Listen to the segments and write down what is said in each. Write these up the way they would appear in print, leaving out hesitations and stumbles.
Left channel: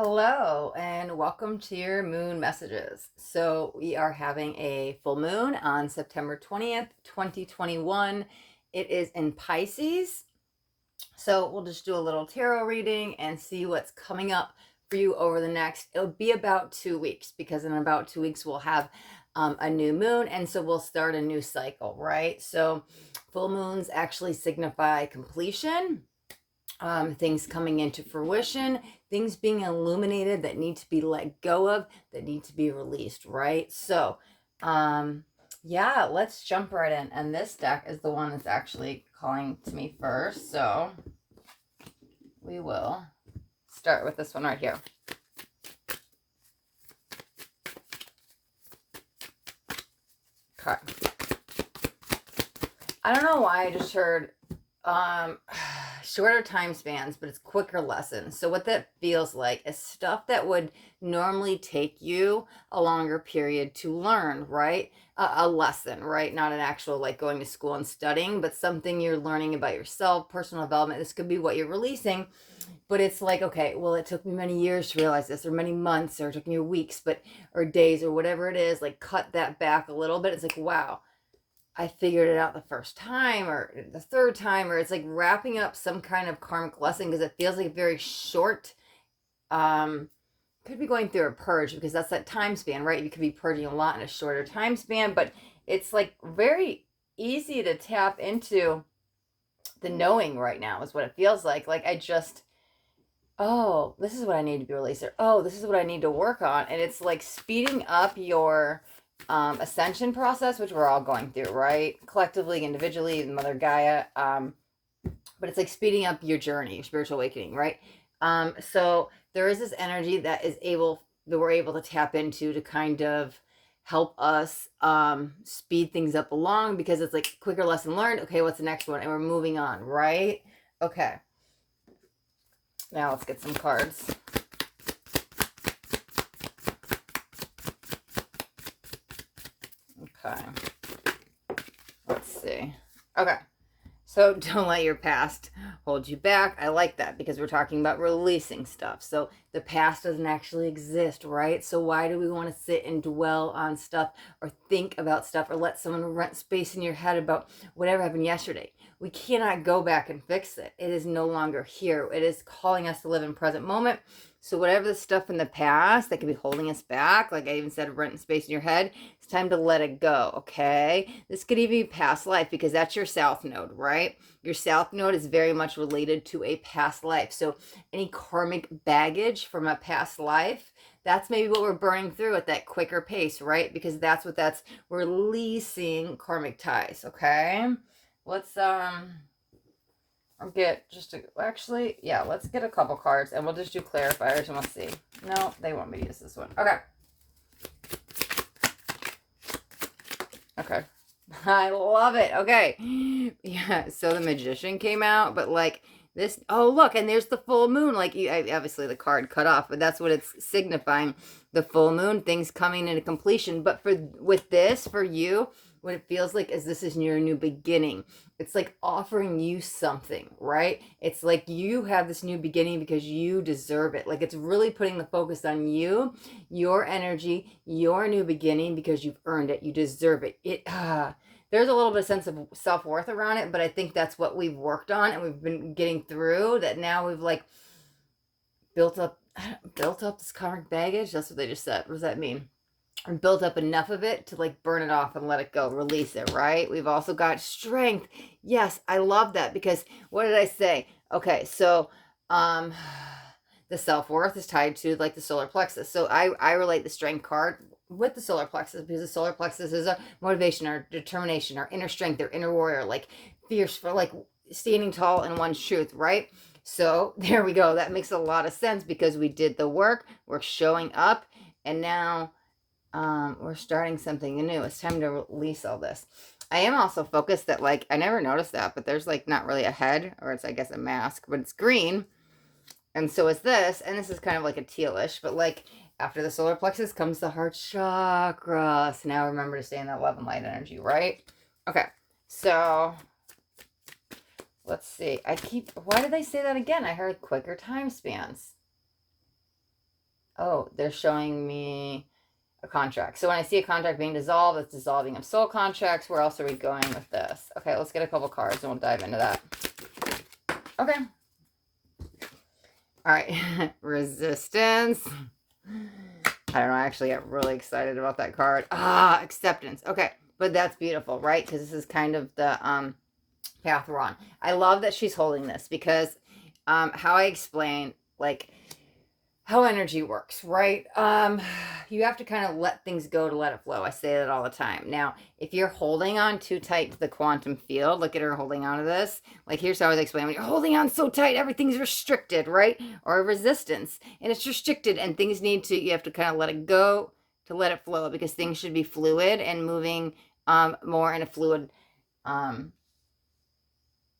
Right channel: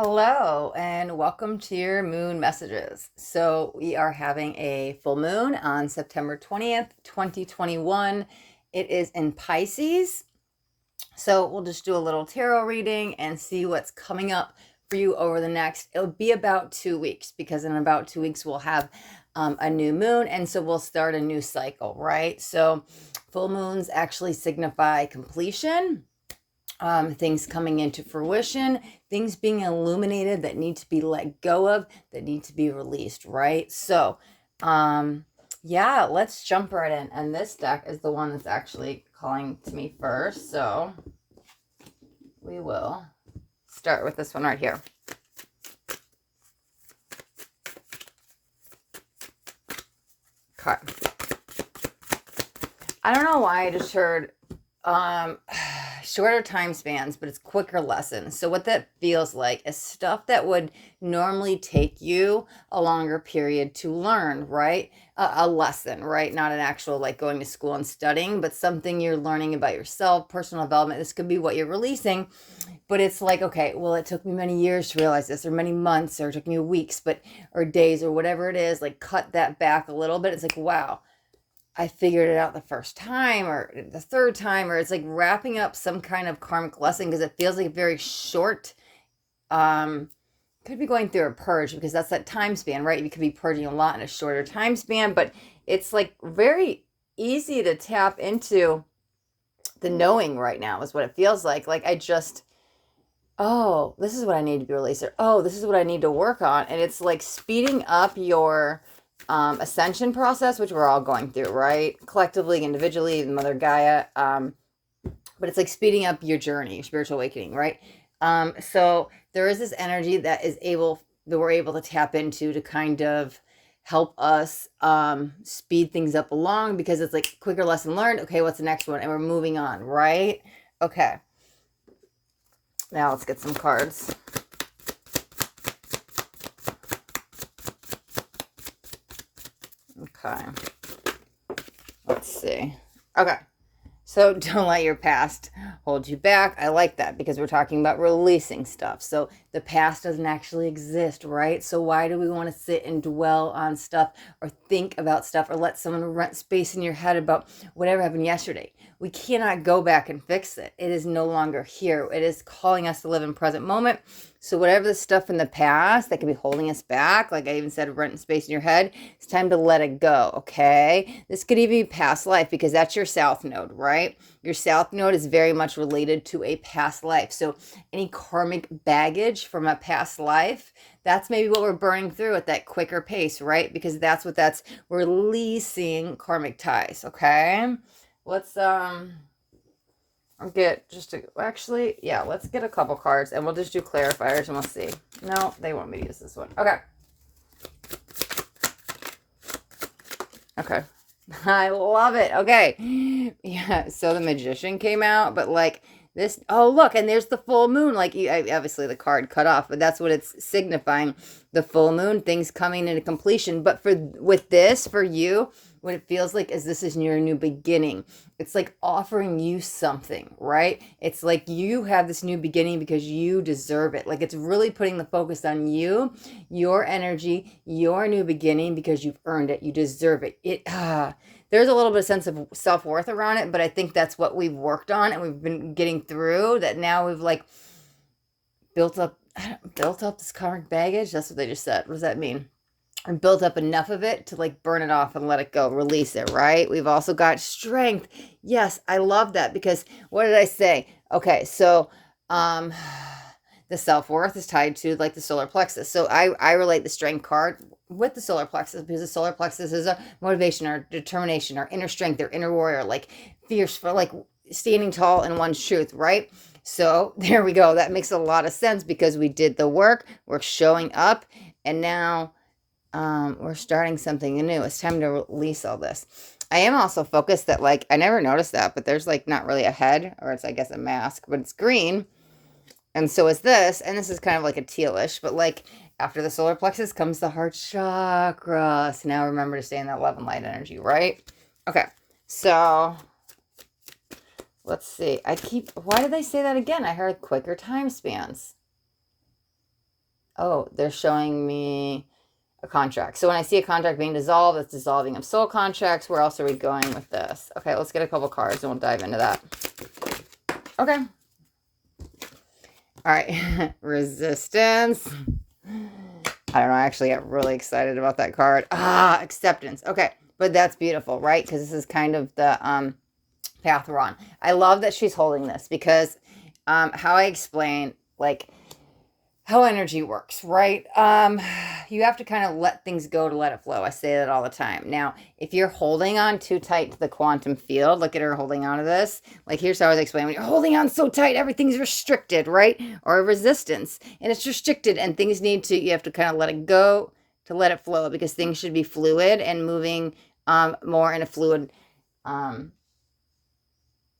Hello and welcome to your moon messages. So, we are having a full moon on September 20th, 2021. It is in Pisces. So, we'll just do a little tarot reading and see what's coming up for you over the next. It'll be about 2 weeks because in about 2 weeks we'll have a new moon. And so, we'll start a new cycle, right? So, full moons actually signify completion, things coming into fruition, things being illuminated that need to be let go of, that need to be released, right? So, yeah, let's jump right in. And this deck is the one that's actually calling to me first. So, we will start with this one right here. Okay. I don't know why I just heard shorter time spans, but it's quicker lessons. So what that feels like is stuff that would normally take you a longer period to learn, right? A lesson, right? Not an actual like going to school and studying, but something you're learning about yourself, personal development. This could be what you're releasing, but it's like, okay, well, it took me many years to realize this, or many months, or it took me weeks, but or days, or whatever it is. Like cut that back a little bit. It's like, wow, I figured it out the first time or the third time, or it's like wrapping up some kind of karmic lesson because it feels like very short. Um, could be going through a purge because that's that time span, right? You could be purging a lot in a shorter time span, but it's like very easy to tap into the knowing right now, is what it feels like. Like I just, oh, this is what I need to be released, or oh, this is what I need to work on. And it's like speeding up your ascension process, which we're all going through, right? Collectively, individually, Mother Gaia. But it's like speeding up your journey, your spiritual awakening, right? So there is this energy that we're able to tap into to kind of help us speed things up along, because it's like quicker lesson learned. Okay, what's the next one? And we're moving on, right? Okay. Now let's get some cards. Okay. Let's see. Okay. So don't let your past hold you back. I like that because we're talking about releasing stuff. So the past doesn't actually exist, right? So why do we want to sit and dwell on stuff or think about stuff or let someone rent space in your head about whatever happened yesterday? We cannot go back and fix it. It is no longer here. It is calling us to live in present moment. So whatever the stuff in the past that could be holding us back, like I even said, rent space in your head, it's time to let it go, okay? This could even be past life because that's your south node, right? Your south node is very much related to a past life. So any karmic baggage from a past life, that's maybe what we're burning through at that quicker pace, right? Because that's releasing karmic ties, okay? Let's get just a, actually, yeah, let's get a couple cards and we'll just do clarifiers and we'll see. No, they want me to use this one. Okay. Okay. I love it. Okay. Yeah, so the Magician came out, but like this, oh look, and there's the full moon. Like obviously the card cut off, but that's what it's signifying. The full moon, things coming into completion. But with this, for you, what it feels like is this is your new beginning. It's like offering you something, right? It's like you have this new beginning because you deserve it. Like it's really putting the focus on you, your energy, your new beginning, because you've earned it. You deserve it. There's a little bit of sense of self-worth around it, but I think that's what we've worked on and we've been getting through, that now we've like built up this karmic baggage. That's what they just said. What does that mean? Or built up enough of it to like burn it off and let it go, release it, right? We've also got strength. Yes, I love that because what did I say? Okay, so the self-worth is tied to like the solar plexus. So I relate the strength card with the solar plexus because the solar plexus is a motivation, our determination, our inner strength, our inner warrior, like fierce for like standing tall in one's truth, right? So there we go. That makes a lot of sense because we did the work, we're showing up, and now we're starting something new. It's time to release all this. I am also focused that like, I never noticed that, but there's like not really a head, or it's I guess a mask, but it's green. And so is this, and this is kind of like a tealish, but like after the solar plexus comes the heart chakra. So now remember to stay in that love and light energy, right? Okay, so let's see. Why did they say that again? I heard quicker time spans. Oh, they're showing me a contract. So when I see a contract being dissolved, it's dissolving of soul contracts. Where else are we going with this? Okay, let's get a couple cards and we'll dive into that. Okay. All right. Resistance. I don't know. I actually get really excited about that card. Acceptance. Okay. But that's beautiful, right? Because this is kind of the path we're on. I love that she's holding this because how I explain, like, how energy works, right? You have to kind of let things go to let it flow. I say that all the time. Now, if you're holding on too tight to the quantum field, look at her holding on to this. Like, here's how I was explaining. When you're holding on so tight, everything's restricted, right? Or a resistance, and it's restricted, and things you have to kind of let it go to let it flow, because things should be fluid and moving more in a fluid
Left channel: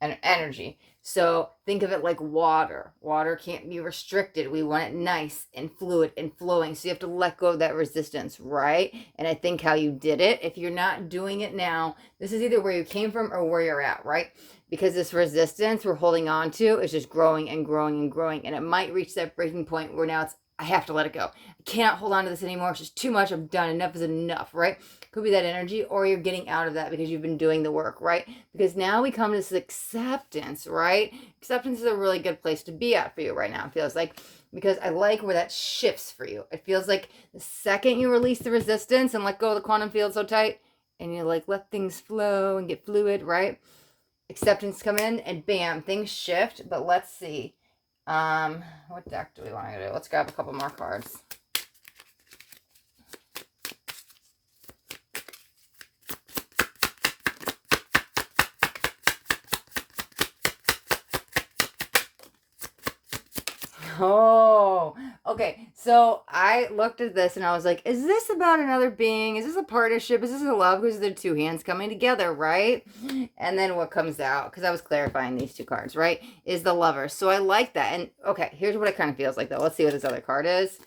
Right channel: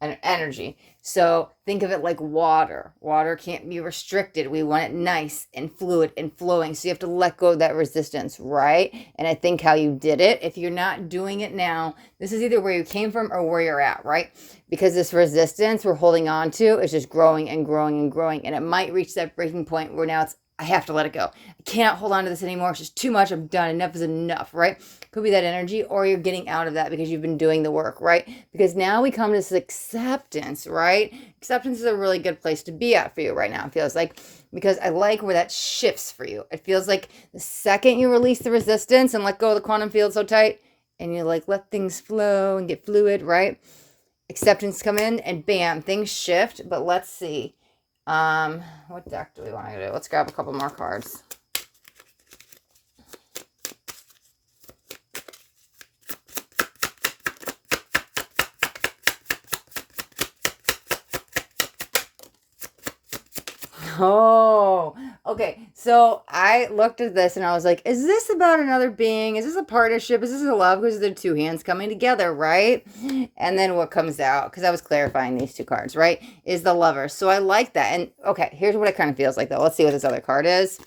energy. So think of it like water. Water can't be restricted. We want it nice and fluid and flowing. So you have to let go of that resistance, right? And I think how you did it, if you're not doing it now, this is either where you came from or where you're at, right? Because this resistance we're holding on to is just growing and growing and growing. And it might reach that breaking point where now I have to let it go. I cannot hold on to this anymore. It's just too much. I'm done. Enough is enough, right? Could be that energy, or you're getting out of that because you've been doing the work, right? Because now we come to this acceptance, right? Acceptance is a really good place to be at for you right now, it feels like, because I like where that shifts for you. It feels like the second you release the resistance and let go of the quantum field so tight, and you like let things flow and get fluid, right? Acceptance come in and bam, things shift. But let's see. What deck do we want to do? Let's grab a couple more cards. Oh, okay. So I looked at this and I was like, is this about another being? Is this a partnership? Is this a love? Because they're two hands coming together, right? And then what comes out, because I was clarifying these two cards, right, is the lover. So I like that. And okay, here's what it kind of feels like, though. Let's see what this other card is.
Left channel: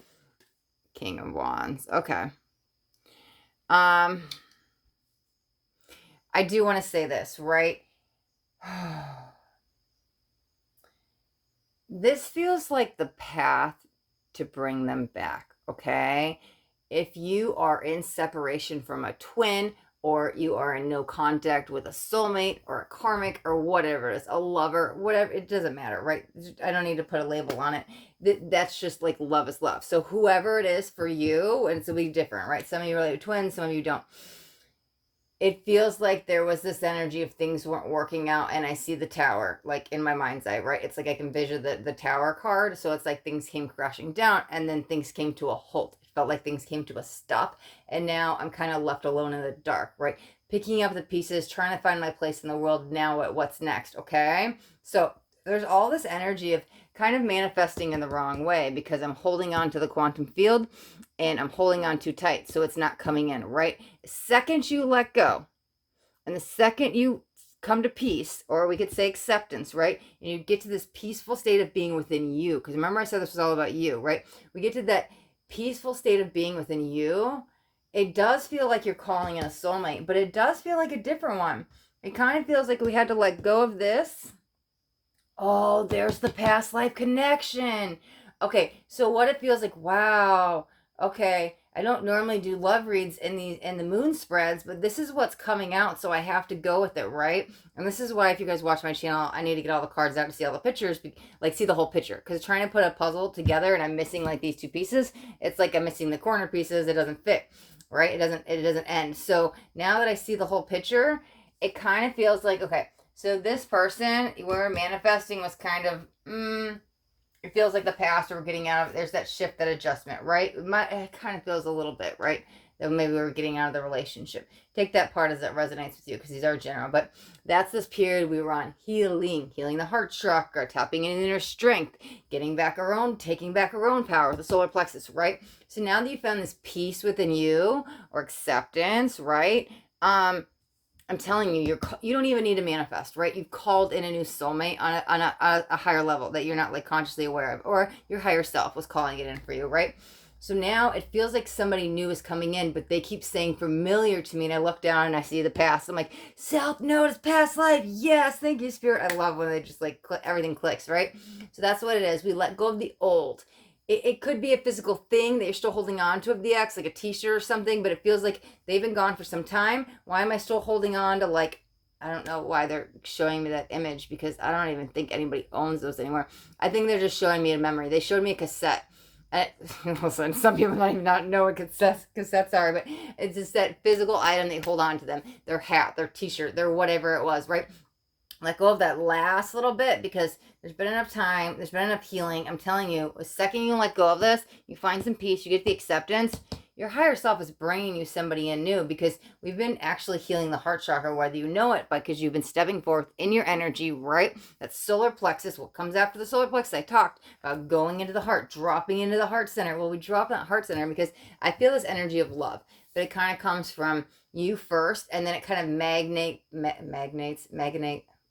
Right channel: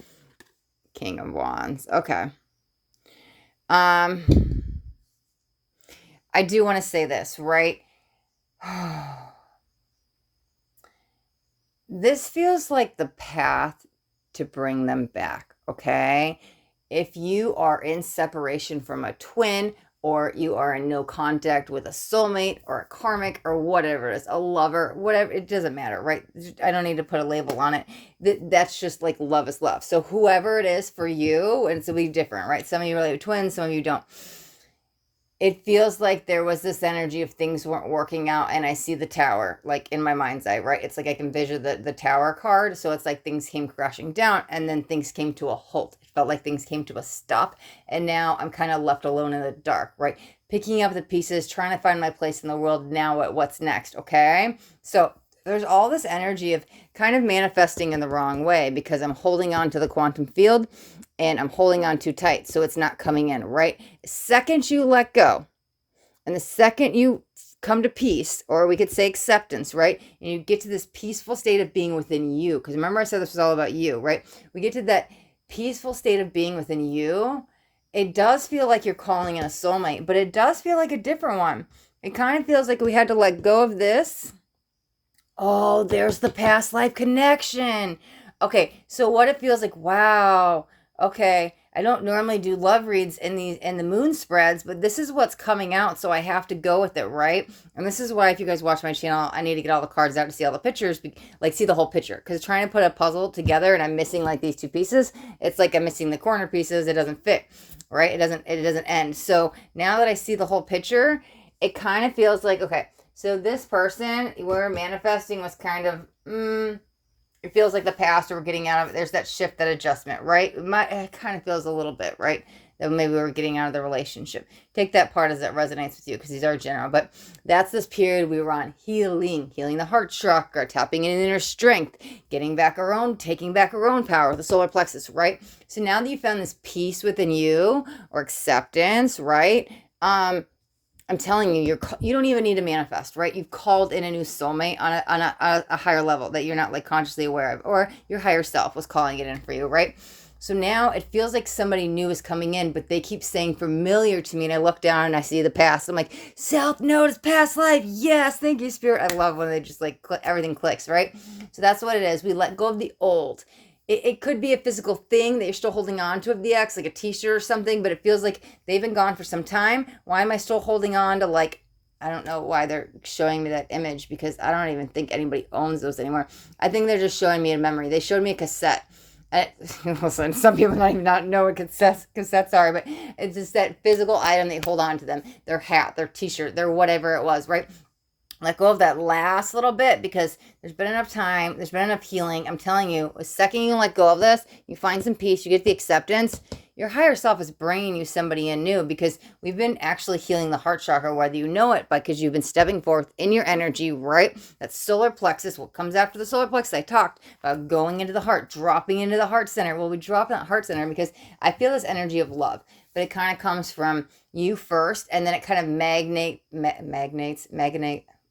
King of Wands. Okay. I do want to say this, right? This feels like the path to bring them back, okay? If you are in separation from a twin, or you are in no contact with a soulmate or a karmic or whatever it is, a lover, whatever, it doesn't matter, right? I don't need to put a label on it. That's just like love is love. So whoever it is for you, and it's going to be different, right? Some of you relate to twins, some of you don't. It feels like there was this energy of things weren't working out, and I see the tower like in my mind's eye, right? It's like I can vision the tower card. So it's like things came crashing down and then things came to a halt. It felt like things came to a stop, and now I'm kind of left alone in the dark, right? Picking up the pieces, trying to find my place in the world. Now what's next? Okay, so there's all this energy of kind of manifesting in the wrong way because I'm holding on to the quantum field and I'm holding on too tight, so it's not coming in, right? The second you let go, and the second you come to peace, or we could say acceptance, right? And you get to this peaceful state of being within you, because remember I said this was all about you, right? We get to that peaceful state of being within you. It does feel like you're calling in a soulmate, but it does feel like a different one. It kind of feels like we had to let go of this. Oh, there's the past life connection. Okay, so what it feels like, wow. Okay, I don't normally do love reads in the moon spreads, but this is what's coming out, so I have to go with it, right? And this is why, if you guys watch my channel, I need to get all the cards out to see all the pictures, like see the whole picture, because trying to put a puzzle together and I'm missing like these two pieces, it's like I'm missing the corner pieces. It doesn't fit, right? It doesn't end. So now that I see the whole picture, it kind of feels like, okay, so this person we're manifesting was kind of, it feels like the past, or we're getting out of it. There's that shift, that adjustment, right? It kind of feels a little bit, right? That maybe we're getting out of the relationship. Take that part as that resonates with you, because these are general. But that's this period we were on, healing the heart chakra, tapping in inner strength, getting back our own, taking back our own power with the solar plexus, right? So now that you found this peace within you, or acceptance, right? I'm telling you, you don't even need to manifest, right? You've called in a new soulmate on a higher level that you're not like consciously aware of, or your higher self was calling it in for you, right? So now it feels like somebody new is coming in, but they keep saying familiar to me, and I look down and I see the past. I'm like, self-notice past life. Yes, thank you, Spirit. I love when they just like everything clicks, right? So that's what it is. We let go of the old. it could be a physical thing that you're still holding on to of the ex, like a t-shirt or something, but it feels like they've been gone for some time. Why am I still holding on to, like, I don't know why they're showing me that image, because I don't even think anybody owns those anymore. I think they're just showing me a memory. They showed me a cassette. And listen, some people might not know what cassettes are, but it's just that physical item they hold on to them. Their hat, their t-shirt, their whatever it was, right? Let go of that last little bit, because there's been enough time, there's been enough healing. I'm telling you, the second you let go of this, you find some peace, you get the acceptance, your higher self is bringing you somebody in new, because we've been actually healing the heart chakra, whether you know it, because you've been stepping forth in your energy, right? That solar plexus, what comes after the solar plexus, I talked about going into the heart, dropping into the heart center. Well, we drop in that heart center because I feel this energy of love, but it kind of comes from you first, and then it kind of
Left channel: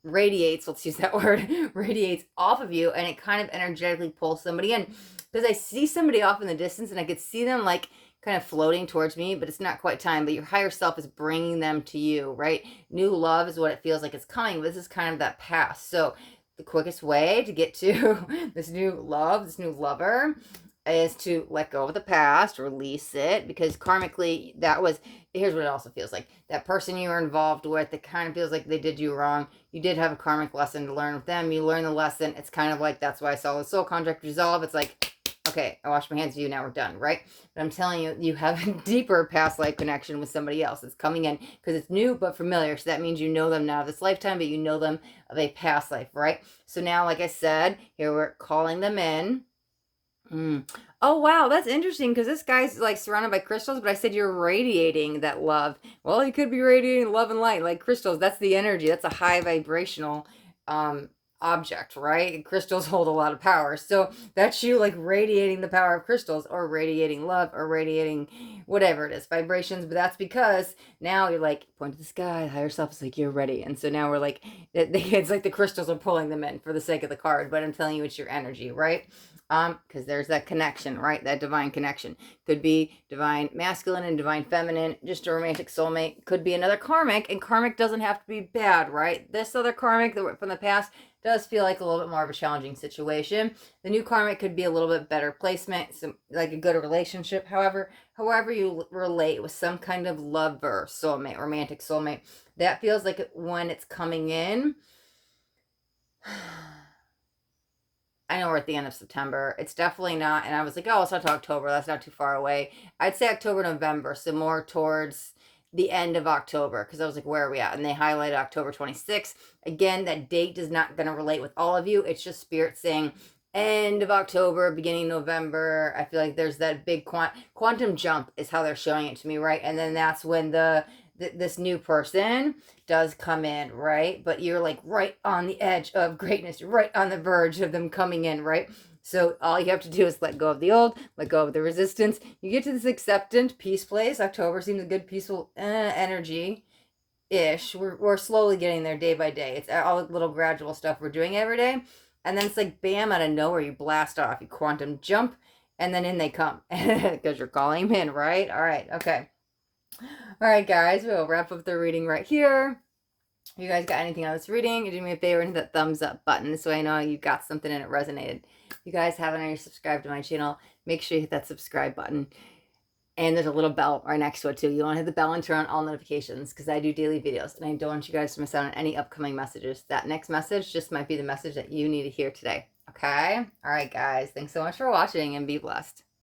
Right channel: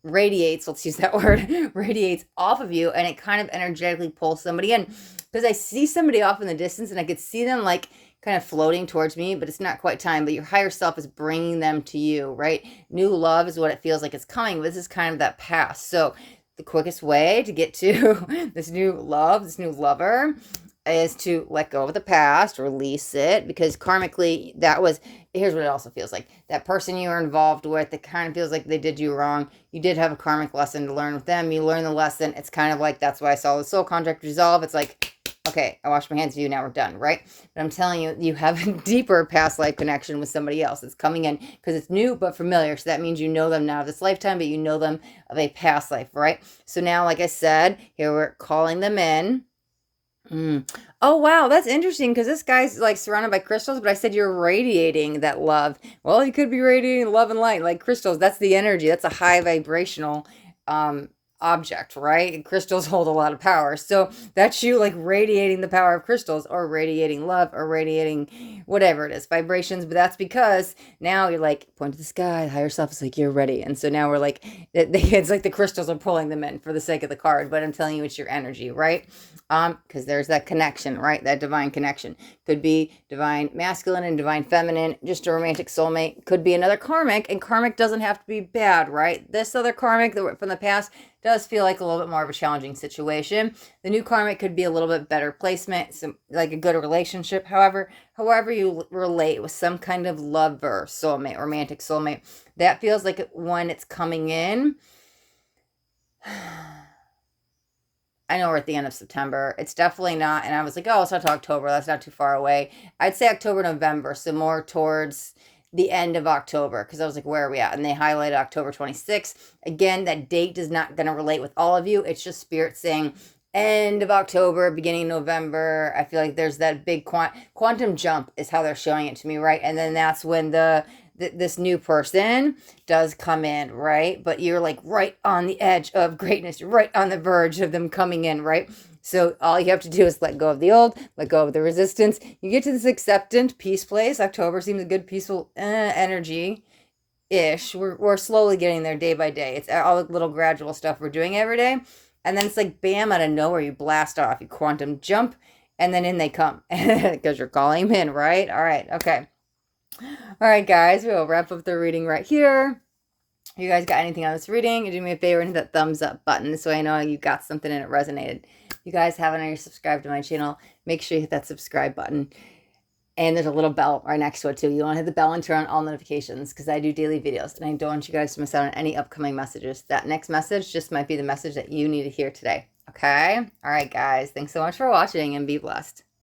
radiates, let's use that word, radiates off of you, and it kind of energetically pulls somebody in. Because I see somebody off in the distance, and I could see them like kind of floating towards me, but it's not quite time. But your higher self is bringing them to you, right? New love is what it feels like it's coming. This is kind of that past. So the quickest way to get to this new love, this new lover, is to let go of the past, release it, because karmically that was, here's what it also feels like. That person you were involved with, it kind of feels like they did you wrong. You did have a karmic lesson to learn with them. You learn the lesson. It's kind of like, that's why I saw the soul contract resolve. It's like, okay, I washed my hands of you, now we're done, right? But I'm telling you, you have a deeper past life connection with somebody else. It's coming in because it's new but familiar. So that means you know them now this lifetime, but you know them of a past life, right? So now, like I said, here we're calling them in. Oh, wow, that's interesting, because this guy's like surrounded by crystals, but I said you're radiating that love. Well, you could be radiating love and light like crystals. That's the energy. That's a high vibrational um object, right? And crystals hold a lot of power. So that's you like radiating the power of crystals, or radiating love, or radiating whatever it is, vibrations. But that's because now you're like, point to the sky, the higher self is like, you're ready. And so now we're like, it's like the crystals are pulling them in for the sake of the card, but I'm telling you, it's your energy, right? Because there's that connection, right? That divine connection. Could be divine masculine and divine feminine, just a romantic soulmate. Could be another karmic, and karmic doesn't have to be bad, right? This other karmic from the past does feel like a little bit more of a challenging situation. The new karmic could be a little bit better placement, some like a good relationship. However you relate with some kind of lover, soulmate, romantic soulmate, that feels like when it's coming in. I know we're at the end of September. It's definitely not, and I was like, oh, it's not to October. That's not too far away. I'd say October, November, so more towards the end of October, because I was like, where are we at? And they highlighted October 26th. Again, that date is not going to relate with all of you. It's just spirit saying end of October, beginning November. I feel like there's that big quantum jump is how they're showing it to me, right? And then that's when this new person does come in, right? But you're like right on the edge of greatness. You're right on the verge of them coming in, right? So all you have to do is let go of the old, let go of the resistance. You get to this acceptant peace place. October seems a good peaceful energy ish. We're slowly getting there day by day. It's all the little gradual stuff we're doing every day. And then it's like bam, out of nowhere, you blast off, you quantum jump, and then in they come because you're calling them in, right? All right, okay. All right, guys, we'll wrap up the reading right here. If you guys got anything on this reading, do me a favor and hit that thumbs up button so I know you got something and it resonated. If you guys haven't already subscribed to my channel, make sure you hit that subscribe button. And there's a little bell right next to it too. You want to hit the bell and turn on all notifications, because I do daily videos and I don't want you guys to miss out on any upcoming messages. That next message just might be the message that you need to hear today. Okay? All right, guys. Thanks so much for watching, and be blessed.